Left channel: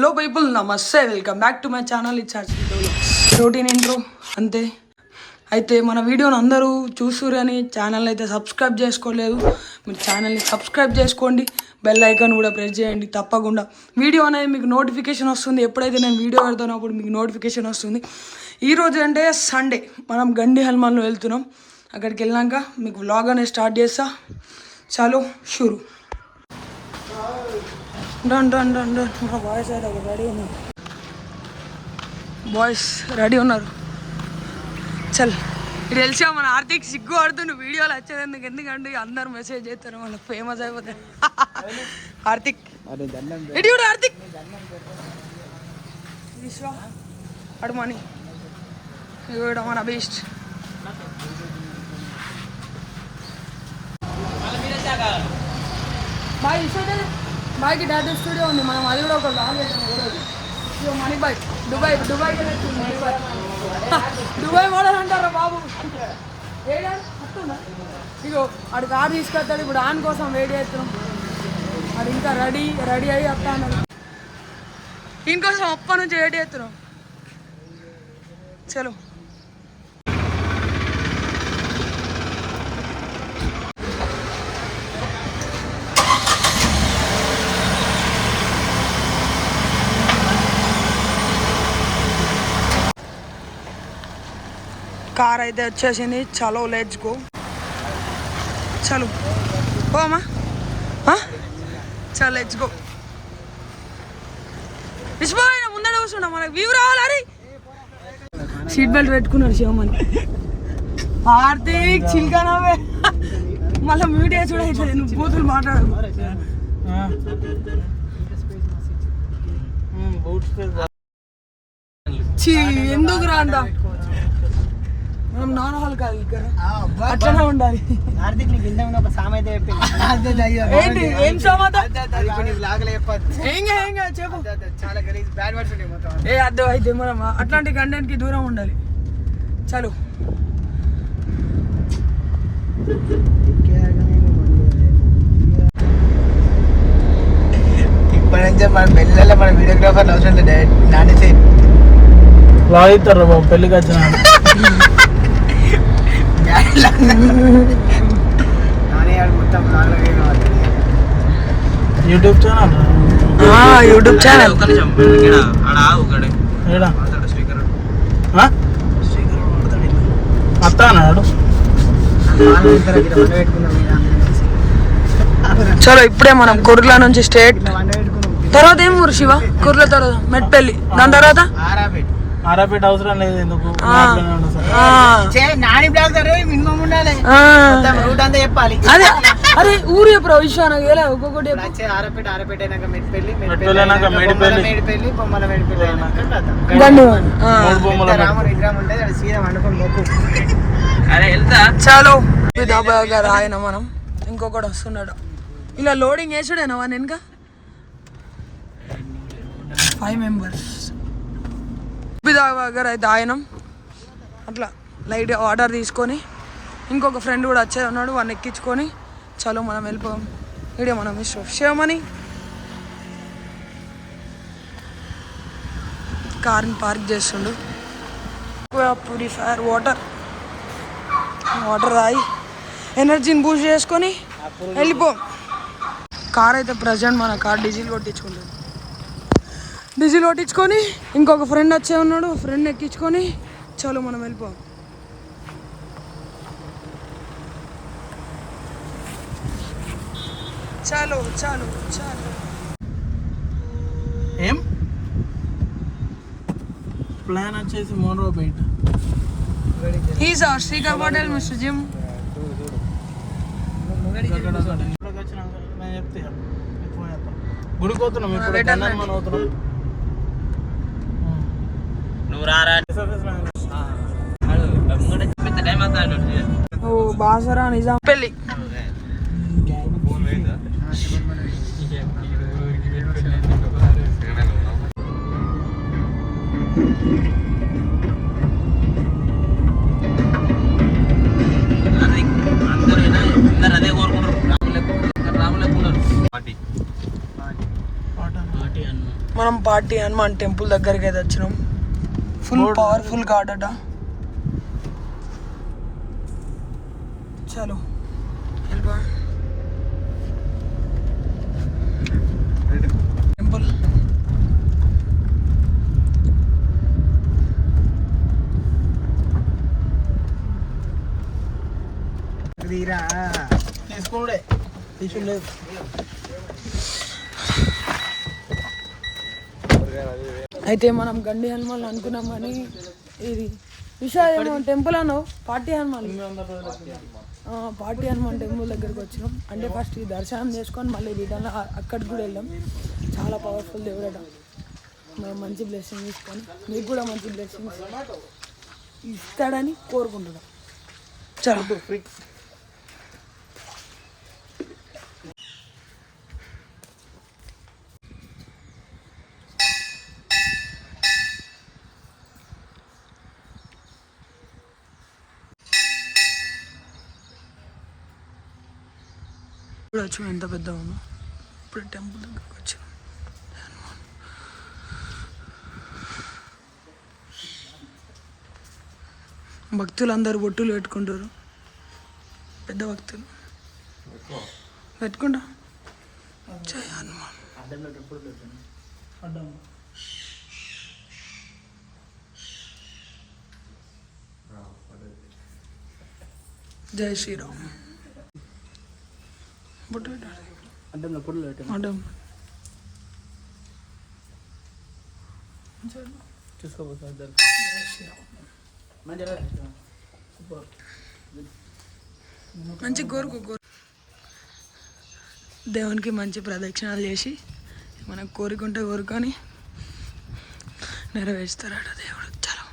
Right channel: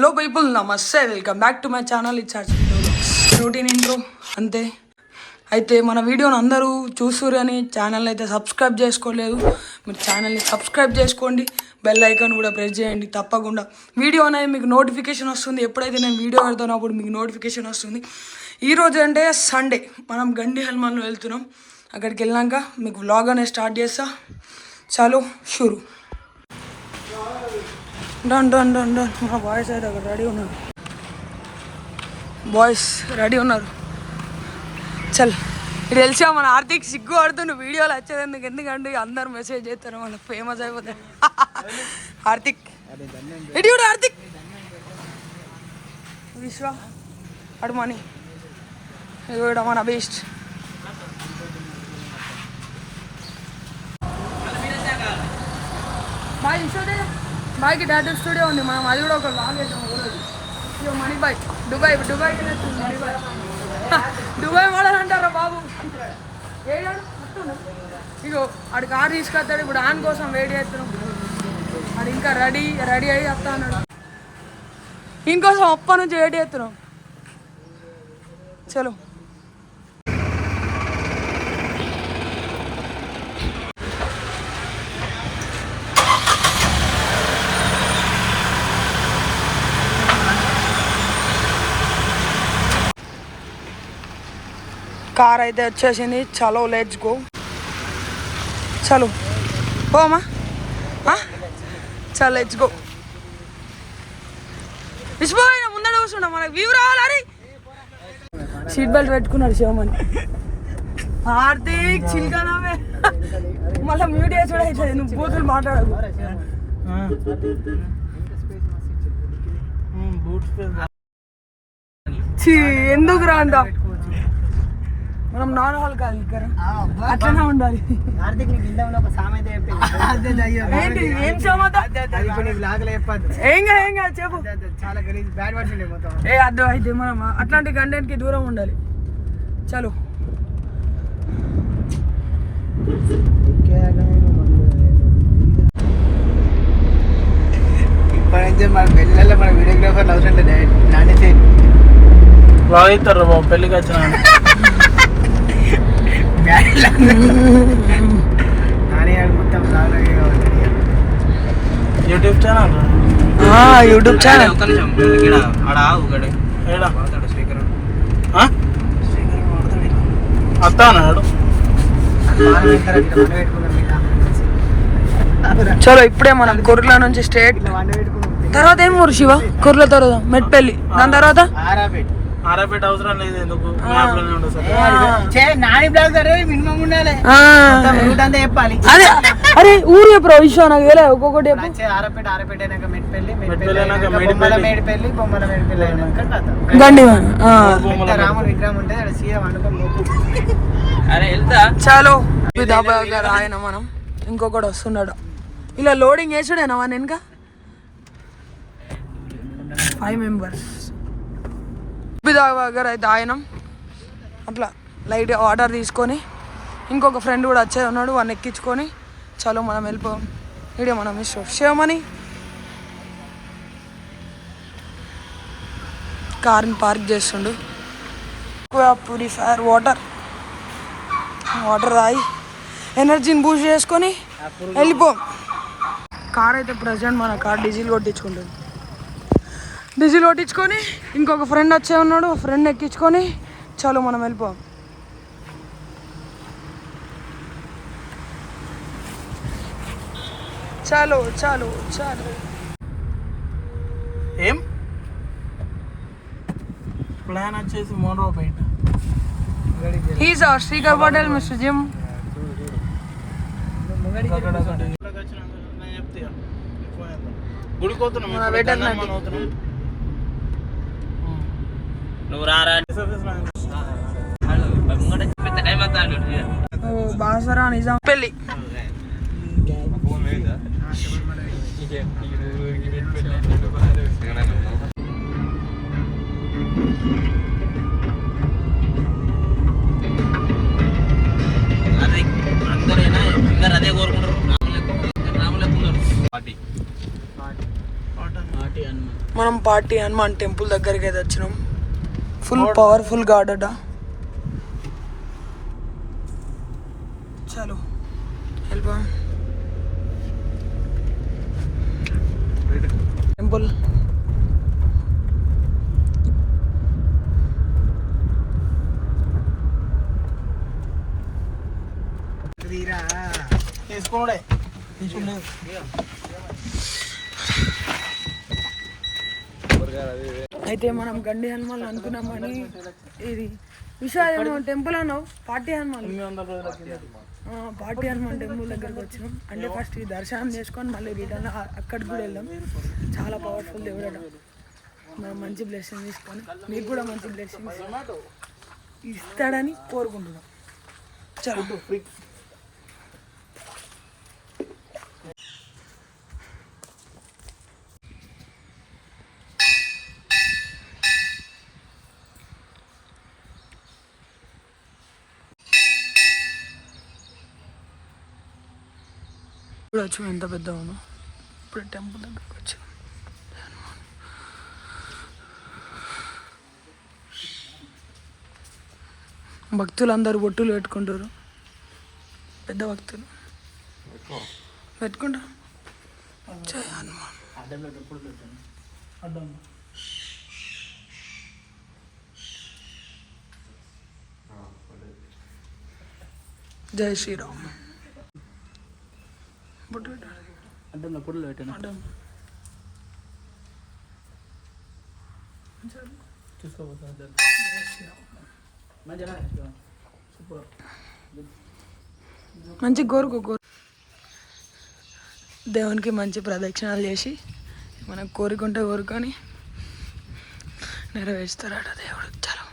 Hello people, నమస్తే, welcome back to my channel. Routine intro అంతే. అయితే మన వీడియోని అందరూ చూసురు అని ఛానల్ అయితే సబ్స్క్రైబ్ చేసుకోలేదు. మీరు ఛానల్ని సబ్స్క్రైబ్ చేసుకోండి, బెల్ ఐకాన్ కూడా ప్రెస్ చేయండి. తప్పకుండా వీడియో అనేది మీకు నోటిఫికేషన్ వస్తుంది. ఎప్పుడైతే నేను వీడియో పెడతానో అప్పుడు మీకు నోటిఫికేషన్ వస్తుంది. ఈరోజు అంటే సండే, మనం గండి హల్మాన్లో వెళ్తున్నాం. అక్కడికి వెళ్ళాక మీకు వ్లాగ్ అనేది స్టార్ట్ చేస్తా. చాలు షురు. Done done done done. మా బాయ్స్ అయితే అక్కడ రెడీ ఉన్నారు. బాయ్స్ రెడీ ఉన్నారు. చల్, ఇది తెలిసా మన ఆర్తిక్ సిగ్గు ఆడుతుండు వీడియోలు వచ్చేది ఎందుకంటే అందరు మెసేజ్ చేస్తారు, మన ఫేమస్ అయిపోతాయి. ఆర్తిక్ ఎటు చూడు, ఆర్తిక్ విశ్వ అడుమని ఇది మన బెస్ట్. బాయ్ విశ్వ బాయ్కి డాటా స్టూడియో ఉంది, మనం అది కూడా ఒక లాగ్ చేద్దాం. ఇగో మనీ బాయ్ దుబాయ్కి దుబాయ్ మోడల్ అంటారా బాబు. ఇగో ఆడు కారు తీసుకొస్తాడు. ఇప్పుడు ఆన్ కోసం వెయిట్ చేస్తున్నాం. అది ఇంకా రెడీ అయ్యి వస్తా అన్నాడు. దీనికోసం అప్ప నుంచి వెయిట్ చేస్తున్నాం. చలో కార్ అయితే వచ్చేసింది. చలో లెట్స్ గో. చలో పోమా, చలో లెట్స్ గో. విసిపోయిన ముందర కూర్చున్నా, మనకు వ్యూ రావాలి. సీట్ బెల్ట్ పెట్టుకున్నాడు శివమని. హార్దిక్ చిల్కనావే మళ్ళీ మ్యూట్ వేసి కూడా ఇట్లా నువ్వు బూతులు మాట్లాడకు. ఎందుకు రా అంట, మనం నాన్ హాల్ కాదు ఇక్కడ, అట్లనే ఉండాలి. ఏంటి ఏం సామెత? ఏం చెప్పు. ఏ అర్థం అయితే మనం అట్లాంటి కంటెంట్ కి దూరం ఉండాలి. చలో ఇప్పటి నుంచే మన పెళ్ళిళ్ళలో మన వీడియోగ్రాఫర్లు అవసరం లేదు, నానేసి లాగిస్తారు బాబు పెళ్ళికి వచ్చిన యూట్యూబ్ ఛానల్. వస్తాడు. చలో ఇప్పుడే మనం కుర్ల నుంచి స్టేట్. తర్వాత ఏం ఊరు శివ? కుర్ల తర్వాత మెట్పల్లి, దాని తర్వాత ఆరాపేట అవసరం లేదు. ఎందుకు రూట్ అంతా చెప్పాలి. అరే ఊరు చెప్పు విశ్వ, నాకు వేలే ఒక్కొక్కటి ఆరాపేట అయినాక మెట్పల్లి, బొమ్మల మేడిపల్లి, బొమ్మల మేడిపల్లి అయినాక చాలు డాబా గారు ఆయన. మనం ఇంకొకటి వస్తున్నాడు. ఇలా లోడింగ్ వేసాడేనా మన వెనక 5 మెంబర్స్. గారు అయితే ఆయన అట్లా లైట్ ఆర్డర్ తీసుకొని ఇంకొక ఫ్రెండ్ కూడా వచ్చే ఉన్నాడు, వాడిని ఎక్కించుకొని చలో మనం వెళ్ళిపోయాం. వీడియో మనం ఇష్టం శివమని కార్ని పార్క్ చేస్తుండు. ప్యూరిఫైర్ వాటర్ తాగి ఎనర్జీని బూస్ట్ చేసుకొని వెళ్ళిపోం. కార్ అయితే ప్రజెంట్ మన కార్ డీజిల్ కొట్టించుకుంటుంది. డీజిల్ కొట్టించుకొని ఇంకొక ఫ్రెండ్ వచ్చే ఉన్నాడు, ఫ్రెండ్ ఎక్కించుకొని చలో మనం వెళ్ళిపోం. చాలు ఏం ప్లాన్ వచ్చేసి మోనోపేట. He's our Srikar Patel, mister Jim. గుడికి పోతున్నాం. ఓ బాసరా నిజాం పెళ్ళి. అదే కోరుకుంటారు. మనం మనం పార్టీ హనుమాన్ టెంపుల్ దగ్గరికి అయితే వచ్చినాం. ఫుల్ పవర్ఫుల్ గాడ్ అట. చలో వెళ్ళిపో టెంపుల్. తీసుకున్నాడే తీసుకులేదు. అయితే మనం గండి హనుమాన్ అనుకున్నామని ఇది విశాఖ టెంపుల్ అను పార్టీ హనుమాన్ టెంపుల్ దగ్గరికి వచ్చినాం. అంటే ఫస్ట్ ఈ దర్శనం చేసుకొని మళ్ళీ రిటర్న్ అక్కడికి కూడా వెళ్ళాం. చాలా పవర్ఫుల్ దేవుడట. మనం మంచి బ్లెస్సింగ్ తీసుకొని మీకు కూడా మంచి బ్లెస్సింగ్స్ ఇస్తాడని కోరుకుంటున్నాం. చాలా ఇప్పుడు వచ్చి ఎంత పెద్ద ఉందో. ఇప్పుడు టెంపుల్ దగ్గరకు వచ్చాం. భక్తులు అందరూ బొట్టులు పెట్టుకుంటారు. పెద్ద భక్తులు పెట్టుకుంటా. జై హనుమాన్. జై శ్రీరామ్. బొట్టు పెట్టాలి. అడ్డంలో పొడులు పెట్టాను. అడ్డం చూసుకోబోతుంది. మంచి కోరుకో దేవునికి మంచి ప్రదక్షిణాలు చేసి మనకు కోరుకుంటే కోరుకొని నెరవేరుస్తారట దేవుడు. చాలా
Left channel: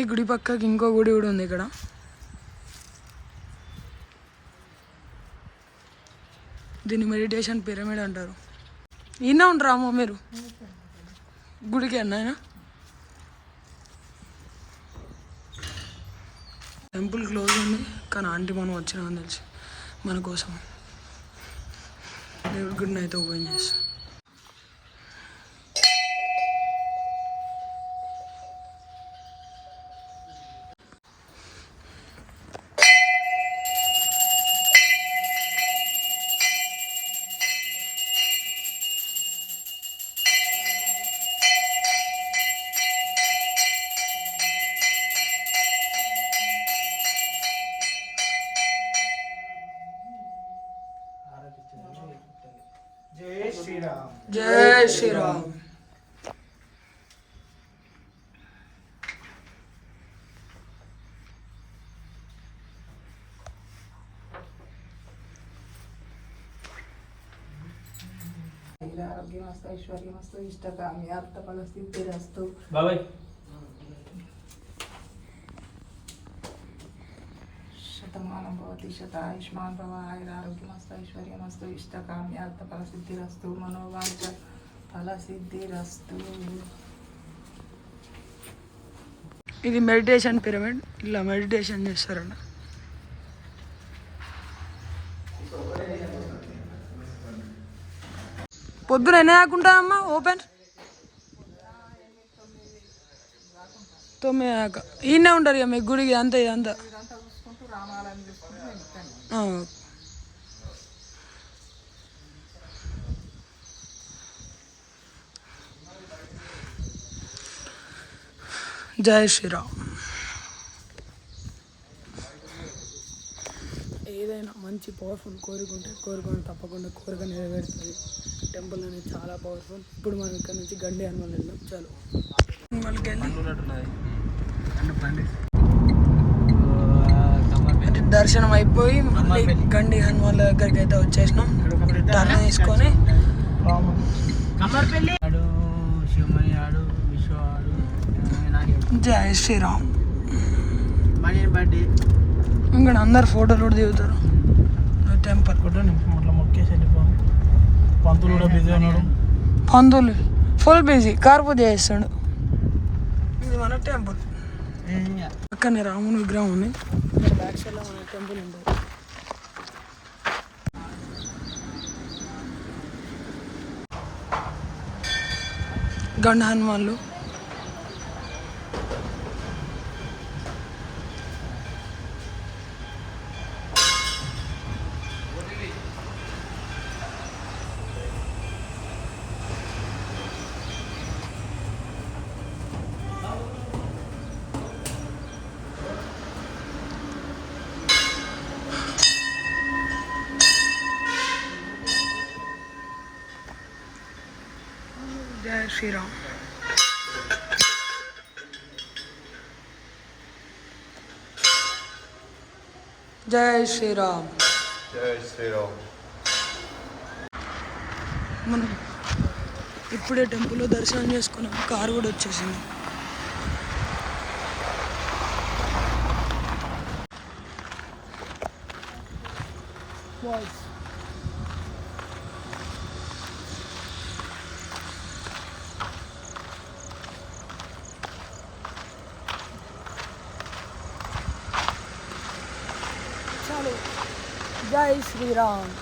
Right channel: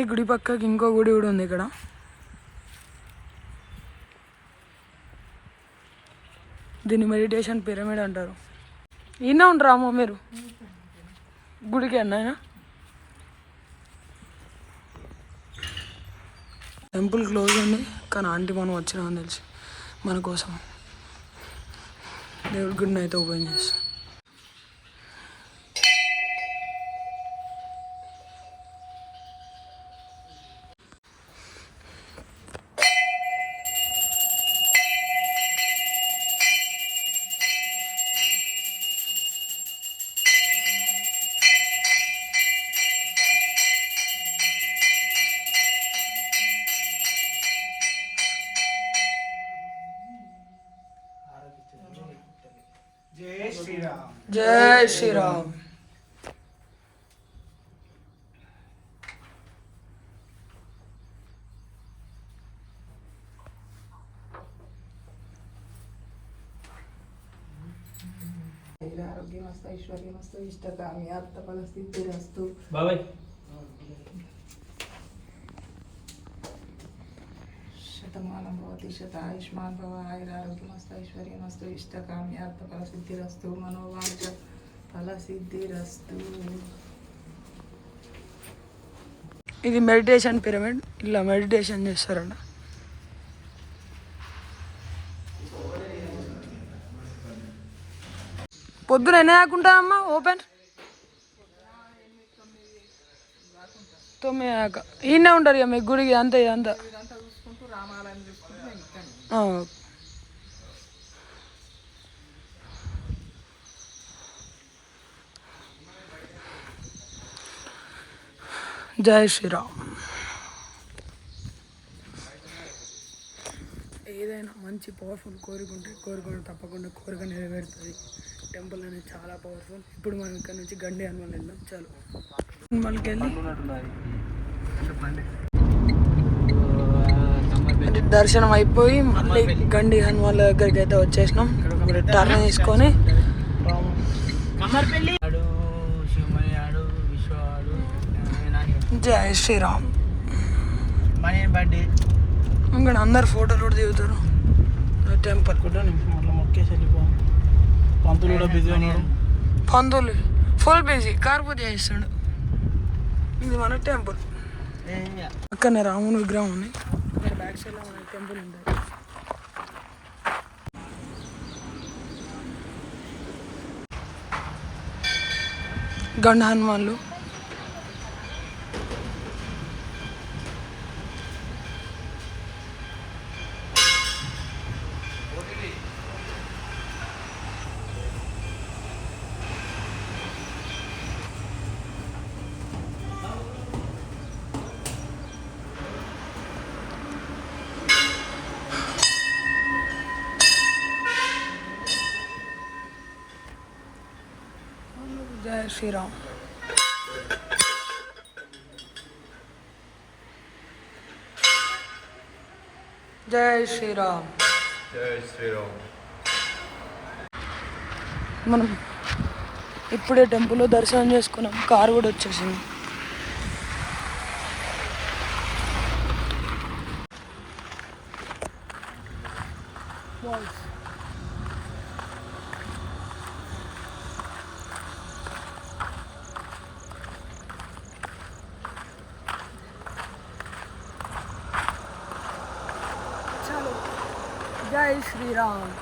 ఈ గుడి పక్కకి ఇంకో గుడి కూడా ఉంది ఇక్కడ. దీన్ని మెడిటేషన్ పిరమిడ్ అంటారు. ఈయన ఉండరామో మీరు గుడికి అన్నాయన. టెంపుల్ క్లోజ్ ఉంది కానీ ఆంటీ మనం వచ్చినామని తెలిసి మన కోసం దేవుడి గుడిని అయితే ఓపెన్ చేస్తాం. జై శ్రీరామ్. జై శ్రీరామ్. ఆరోగ్యమస్తు ఐశ్వర్యమస్తు ఇష్టకామి అర్థఫల సిద్ధిరస్తు. బాబాయ్ శతమానం భవతి శతాయుష్మాన్ భవ. ఆయురారోగ్యమస్తు ఐశ్వర్యమస్తు ఇష్టకామి అర్థఫల సిద్ధిరస్తు. మనోవాంఛ ఫల సిద్ధిరస్తు. ఇది మెడిటేషన్ పిరమిడ్. ఇలా మెడిటేషన్ చేస్తారట. పొద్దున ఎన్ని ఆకుంటా అమ్మా ఓపెన్? 9 దాకా ఈయనే ఉంటారు ఇక మీ గుడికి అంతా ఇదంతా. చూసుకుంటూ రామాలయం చూసుకుంటూ మేము ఇక్కడ. జై శ్రీరామ్. ఏదైనా మంచి పవర్ఫుల్ కోరుకుంటే తప్పకుండా కోరిక నెరవేరుతుంది. టెంపుల్ అనేది చాలా పవర్ఫుల్. ఇప్పుడు మనం ఇక్కడ నుంచి గండి హనుమాన్ వెళ్దాం. చాలు హనుమాన్కి వెళ్ళి దర్శనం అయిపోయి మళ్ళీ గండి హనుమాన్ దగ్గరికి అయితే వచ్చేసినాం. ఇప్పుడు టర్న్ తీసుకొని జై శ్రీరామ్. ఇక్కడ అందరు ఫోటోలు కూడా దిగుతారు. టెంపుల్ పంతులు ఫుల్ బిజీ కార్ పూజ చేస్తాడు. ఇది మన టెంపుల్. అక్కడనే రాముని విగ్రహం ఉంది. ఇక్కడ బ్యాక్ సైడ్లో మన టెంపుల్ ఉంటుంది. గండ హనుమాన్లు. జై శ్రీరామ్. జై శ్రీరామ్. మనం ఇప్పుడే టెంపుల్లో దర్శనం చేసుకున్నాం. కారు కూడా వచ్చేసింది. చాలు. జై శ్రీరామ్.